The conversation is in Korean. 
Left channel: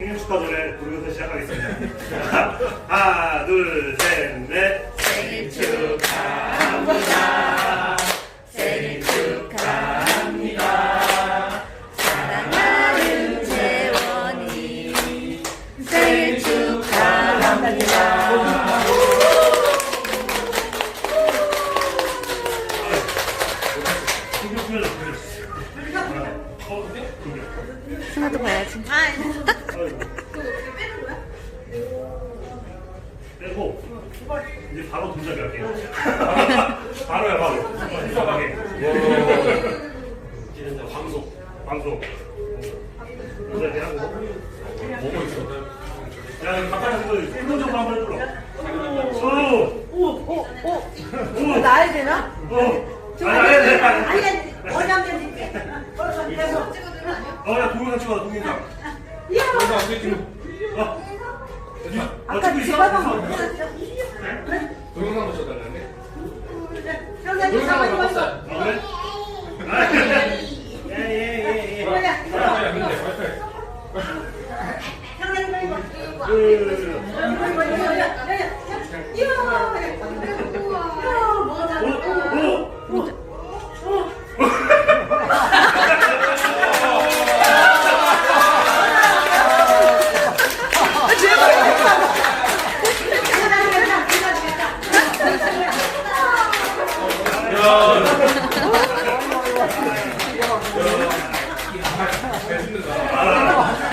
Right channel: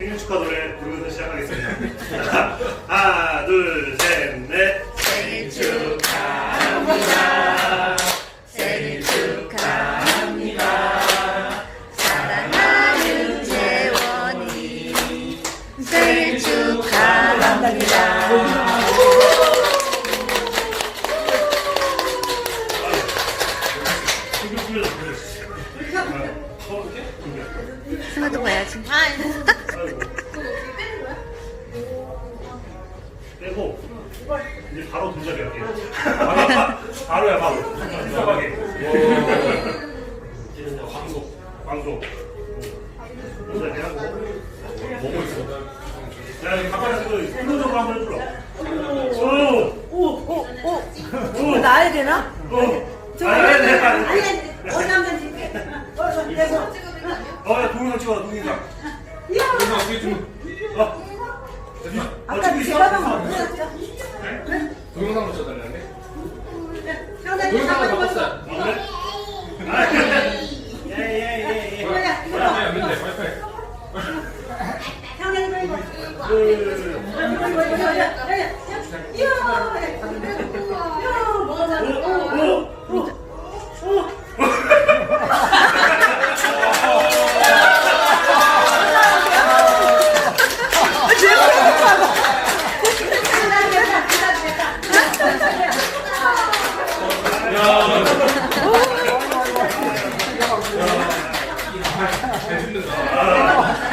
생일 축하 노래 부르면서 시작하겠습니다. 자, 하나, 둘, 셋, 넷. 생일 축하합니다. 생일 축하합니다. 사랑하는 재원이 생일 축하합니다. 신경 쓰면서 보내주세요. 어, 그래? 승아도 봐야지. 아 빼고 이제 바로 동작이 할게요. 바로, 바로야 바로. 인사하게. 이제는 이제 방송. 방송. 인사해 하고. 뭐고 있어? 야, 이 가까이 그 손으로 한번 해줄라. 오, 오오오 오, 나야 되나? 오. 아니, 아니, 아니, 아니. 줄게. 어서 계속. 어, 야, 동영상 찍어라, 동영상. 여기서 어떻게 좀 어. 됐나? 어, 아까 지금 있어? 있어? 동영상 보셨다는 건데? 동영상을 봤어. 아, 그래? 아, 그래? 예예예예. 야, 민재, 빨리. 둘, ハハハハ!